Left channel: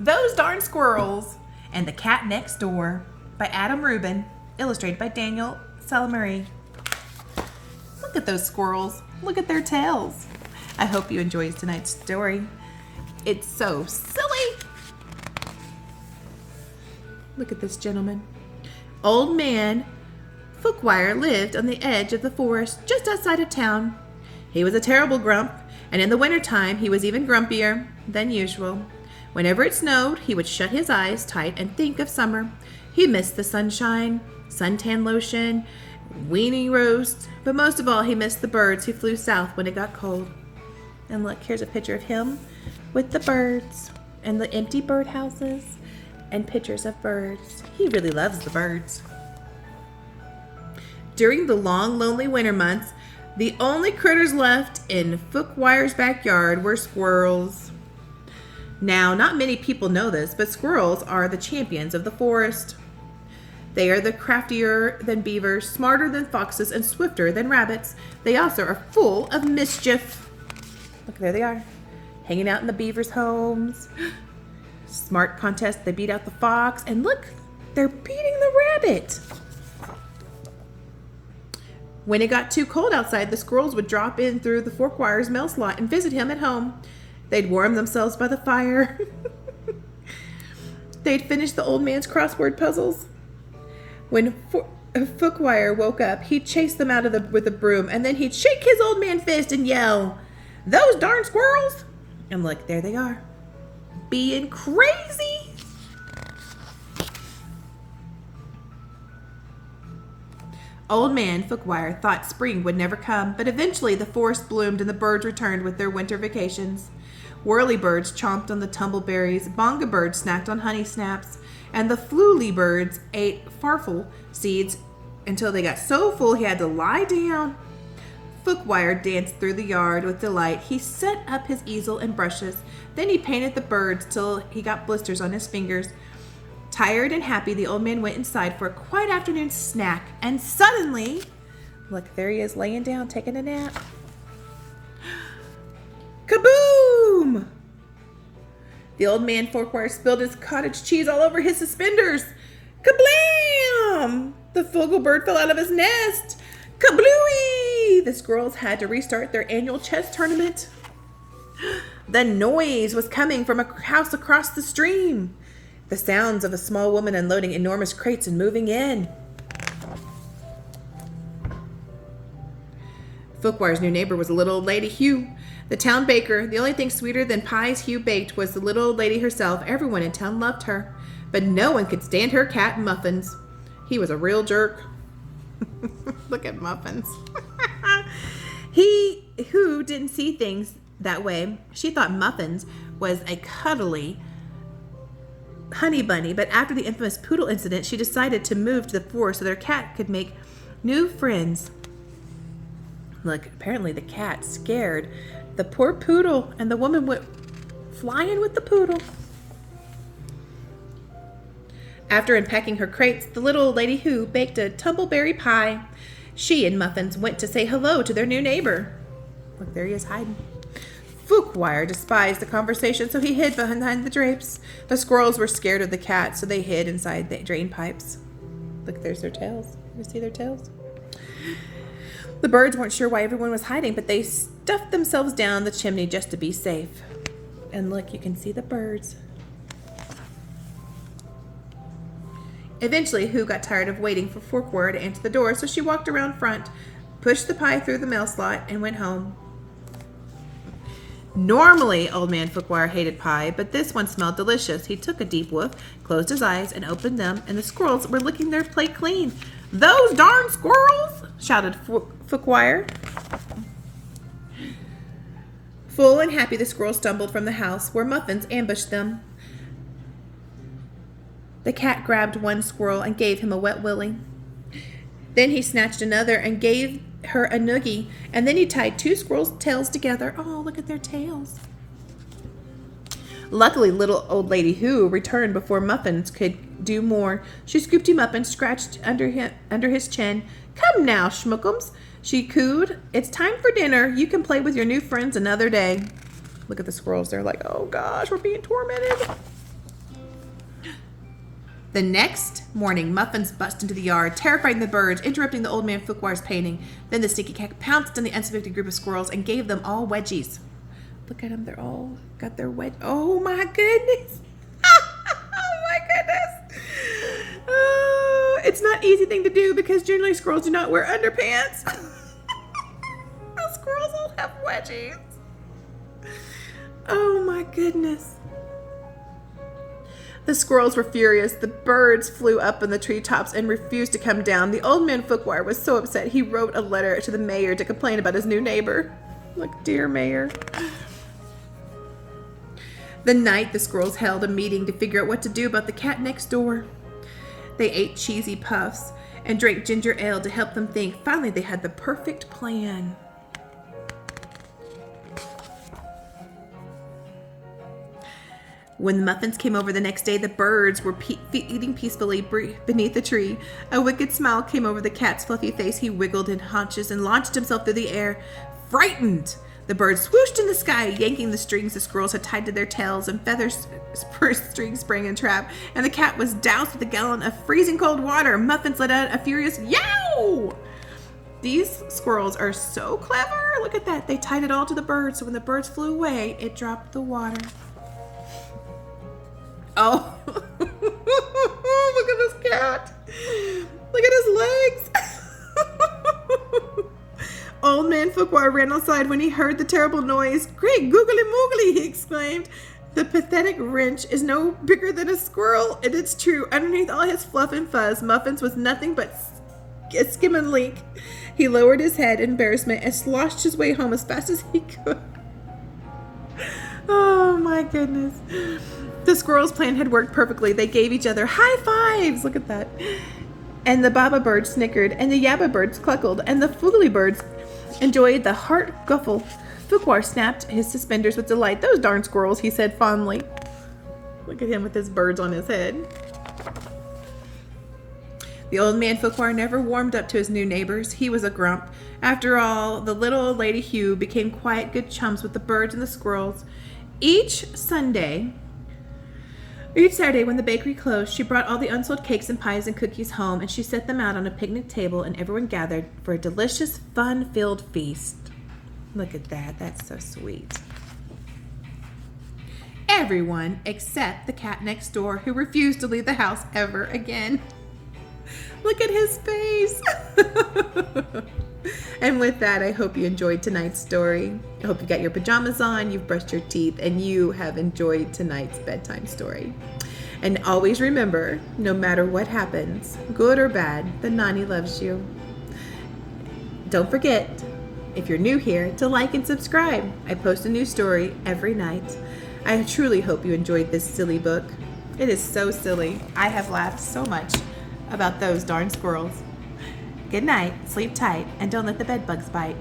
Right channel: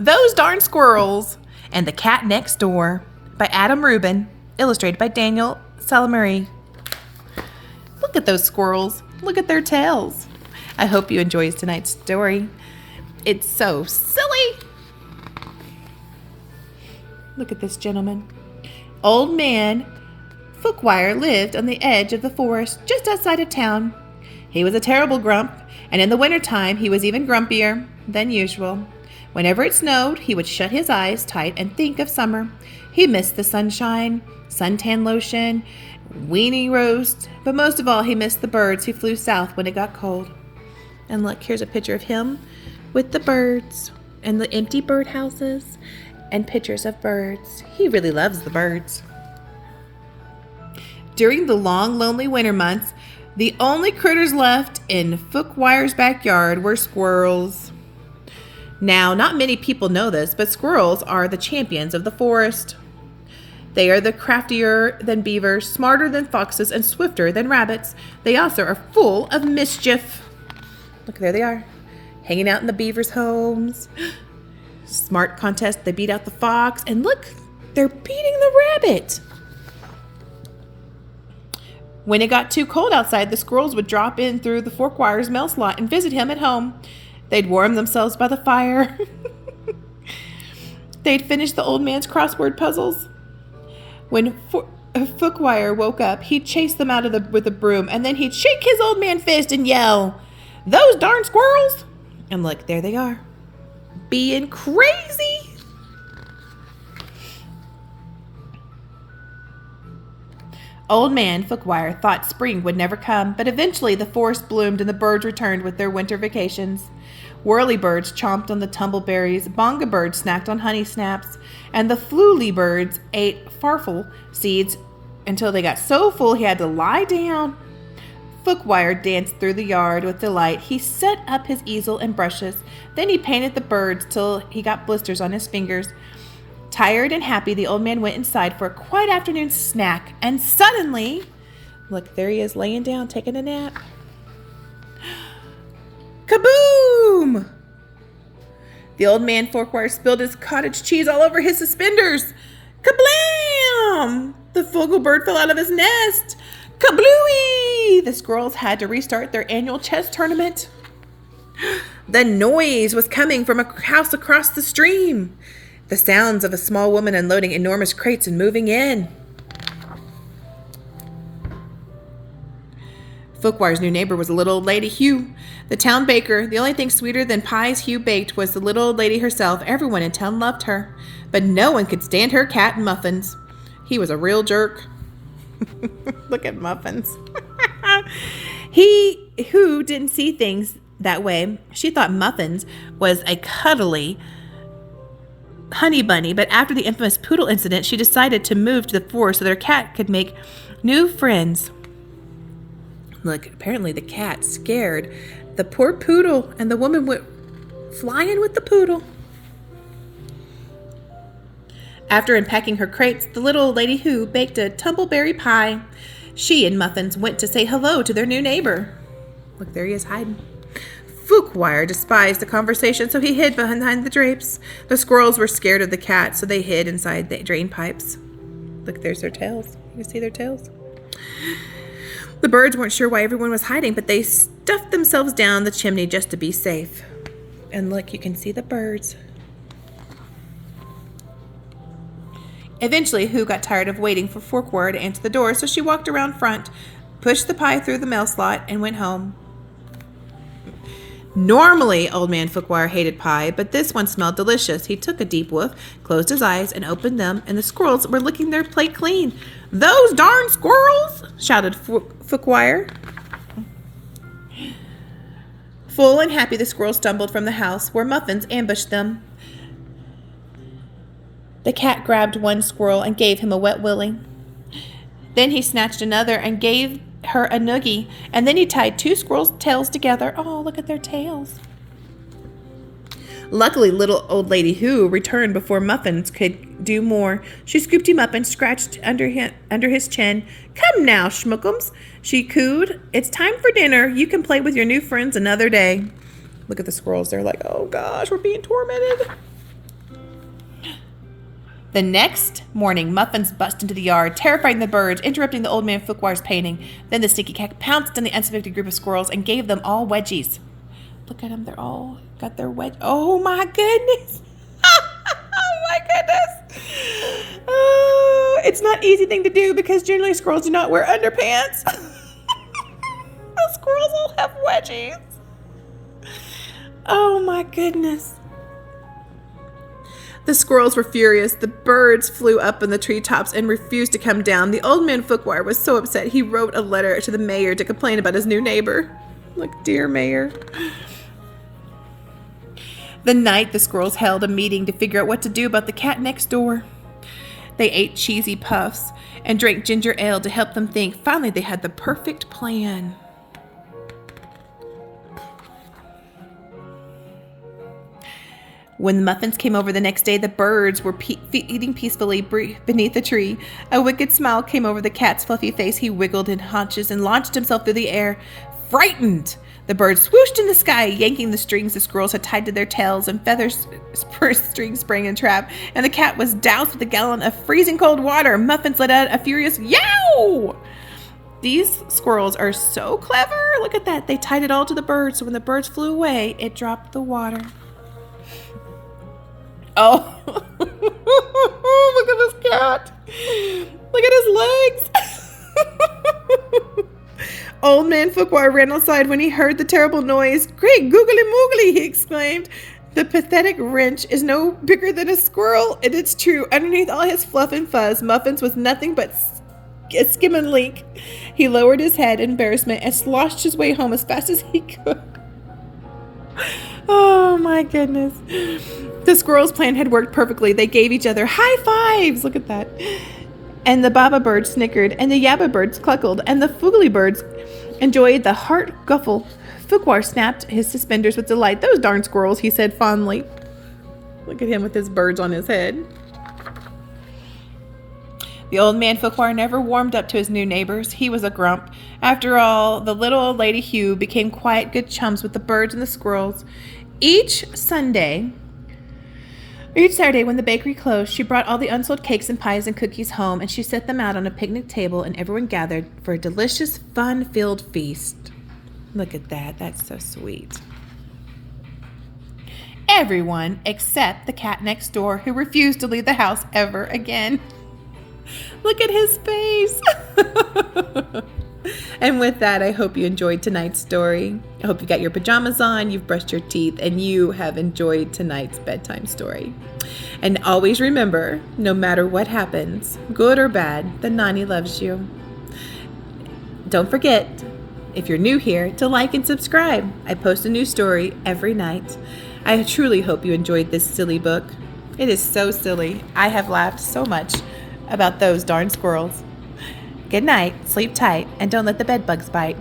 Those Darn Squirrels and the Cat Next Door by Adam Rubin, illustrated by Daniel Salmieri. Look at those squirrels. Look at their tails. I hope you enjoyed tonight's story. It's so silly. Look at this gentleman. Old man Fookwire lived on the edge of the forest just outside of town. He was a terrible grump, and in the wintertime he was even grumpier than usual. Whenever it snowed, he would shut his eyes tight and think of summer. He missed the sunshine, suntan lotion, weenie roast, but most of all he missed the birds who flew south when it got cold. And look, here's a picture of him with the birds and the empty birdhouses and pictures of birds. He really loves the birds. During the long, lonely winter months, the only critters left in Fookwire's backyard were squirrels. Now, not many people know this, but squirrels are the champions of the forest. They are the craftier than beavers, smarter than foxes, and swifter than rabbits. They also are full of mischief. Look, there they are, hanging out in the beavers' homes. Smart contest, they beat out the fox, and look, they're beating the rabbit. When it got too cold outside, the squirrels would drop in through the Fookwire's mail slot and visit him at home. They'd warm themselves by the fire. They'd finish the old man's crossword puzzles. When Fookwire woke up, he'd chase them out with a broom, and then he'd shake his old man fist and yell, "Those darn squirrels!" And look, there they are, being crazy. Old man Fookwire thought spring would never come, but eventually the forest bloomed and the birds returned with their winter vacations. Whirlybirds chomped on the tumbleberries, bonga birds snacked on honey snaps, and the fluely birds ate farfel seeds until they got so full he had to lie down. Fookwire danced through the yard with delight. He set up his easel and brushes. Then he painted the birds till he got blisters on his fingers. Tired and happy, the old man went inside for a quiet afternoon snack, and suddenly, look, there he is laying down, taking a nap. Kaboom! The old man Fookwire spilled his cottage cheese all over his suspenders. Kablam! The fogelbird fell out of his nest. Kablooey! The squirrels had to restart their annual chess tournament. The noise was coming from a house across the stream. The sounds of a small woman unloading enormous crates and moving in. Fookwire's new neighbor was a little old lady, Hugh, the town baker. The only thing sweeter than pies Hugh baked was the little old lady herself. Everyone in town loved her, but no one could stand her cat and Muffins. He was a real jerk. Look at Muffins. Who didn't see things that way. She thought Muffins was a cuddly honey bunny, but after the infamous poodle incident, she decided to move to the forest so their cat could make new friends. Look, apparently the cat scared the poor poodle, and the woman went flying with the poodle. After unpacking her crates, the little old lady Who baked a tumbleberry pie. She and Muffins went to say hello to their new neighbor. Look, there he is hiding. Fookwire despised the conversation, so he hid behind the drapes. The squirrels were scared of the cat, so they hid inside the drain pipes. Look, there's their tails. You see their tails? The birds weren't sure why everyone was hiding, but they stuffed themselves down the chimney just to be safe. And look, you can see the birds. Eventually, Who got tired of waiting for Fookwire to answer the door, so she walked around front, pushed the pie through the mail slot, and went home. Normally, old man Fookwire hated pie, but this one smelled delicious. He took a deep whiff, closed his eyes, and opened them, and the squirrels were licking their plate clean. "Those darn squirrels!" shouted Fookwire. Full and happy, the squirrels stumbled from the house where Muffins ambushed them. The cat grabbed one squirrel and gave him a wet willy. Then he snatched another and gave her a noogie, and then he tied two squirrels' tails together. Oh, look at their tails. Luckily, little old lady Who returned before Muffins could do more. She scooped him up and scratched under his chin. "Come now, schmookums," she cooed. "It's time for dinner. You can play with your new friends another day." Look at the squirrels. They're like, "Oh gosh, we're being tormented." The next morning, Muffins bust into the yard, terrifying the birds, interrupting the old man Fuquoir's painting. Then the sneaky cat pounced on the unsuspecting group of squirrels and gave them all wedgies. Look at them, they're all got their wedge. Oh my goodness. Oh my goodness. Oh, it's not an easy thing to do because generally squirrels do not wear underpants. The squirrels all have wedgies. Oh my goodness. The squirrels were furious. The birds flew up in the treetops and refused to come down. The old man Fuquoir was so upset he wrote a letter to the mayor to complain about his new neighbor. Look, dear mayor. The night the squirrels held a meeting to figure out what to do about the cat next door. They ate cheesy puffs and drank ginger ale to help them think. Finally, they had the perfect plan. When the Muffins came over the next day, the birds were eating peacefully beneath the tree. A wicked smile came over the cat's fluffy face. He wiggled in haunches and launched himself through the air. Frightened, the birds swooshed in the sky, yanking the strings the squirrels had tied to their tails, and feather strings sprang in trap, and the cat was doused with a gallon of freezing cold water. Muffins let out a furious yow! These squirrels are so clever. Look at that. They tied it all to the birds, so when the birds flew away, it dropped the water. Oh, look at this cat. Look at his legs. Old man Fuquoir ran outside when he heard the terrible noise. Great googly moogly, he exclaimed. The pathetic wrench is no bigger than a squirrel, and it's true. Underneath all his fluff and fuzz, Muffins was nothing but a skimming link. He lowered his head in embarrassment and sloshed his way home as fast as he could. Oh my goodness. The squirrels' plan had worked perfectly. They gave each other high fives. Look at that. And the baba birds snickered, and the yabba birds cluckled, and the foogly birds enjoyed the heart guffle. Fuquoir snapped his suspenders with delight. Those darn squirrels, he said fondly. Look at him with his birds on his head. The old man Fuquoir never warmed up to his new neighbors. He was a grump. After all, the little old lady Hugh became quiet good chums with the birds and the squirrels. Each Saturday, when the bakery closed, she brought all the unsold cakes and pies and cookies home, and she set them out on a picnic table, and everyone gathered for a delicious, fun-filled feast. Look at that. That's so sweet. Everyone except the cat next door, who refused to leave the house ever again. Look at his face. And with that, I hope you enjoyed tonight's story. I hope you got your pajamas on, you've brushed your teeth, and you have enjoyed tonight's bedtime story. And always remember, no matter what happens, good or bad, the Nani loves you. Don't forget, if you're new here, to like and subscribe. I post a new story every night. I truly hope you enjoyed this silly book. It is so silly. I have laughed so much about those darn squirrels. Good night, sleep tight, and don't let the bed bugs bite.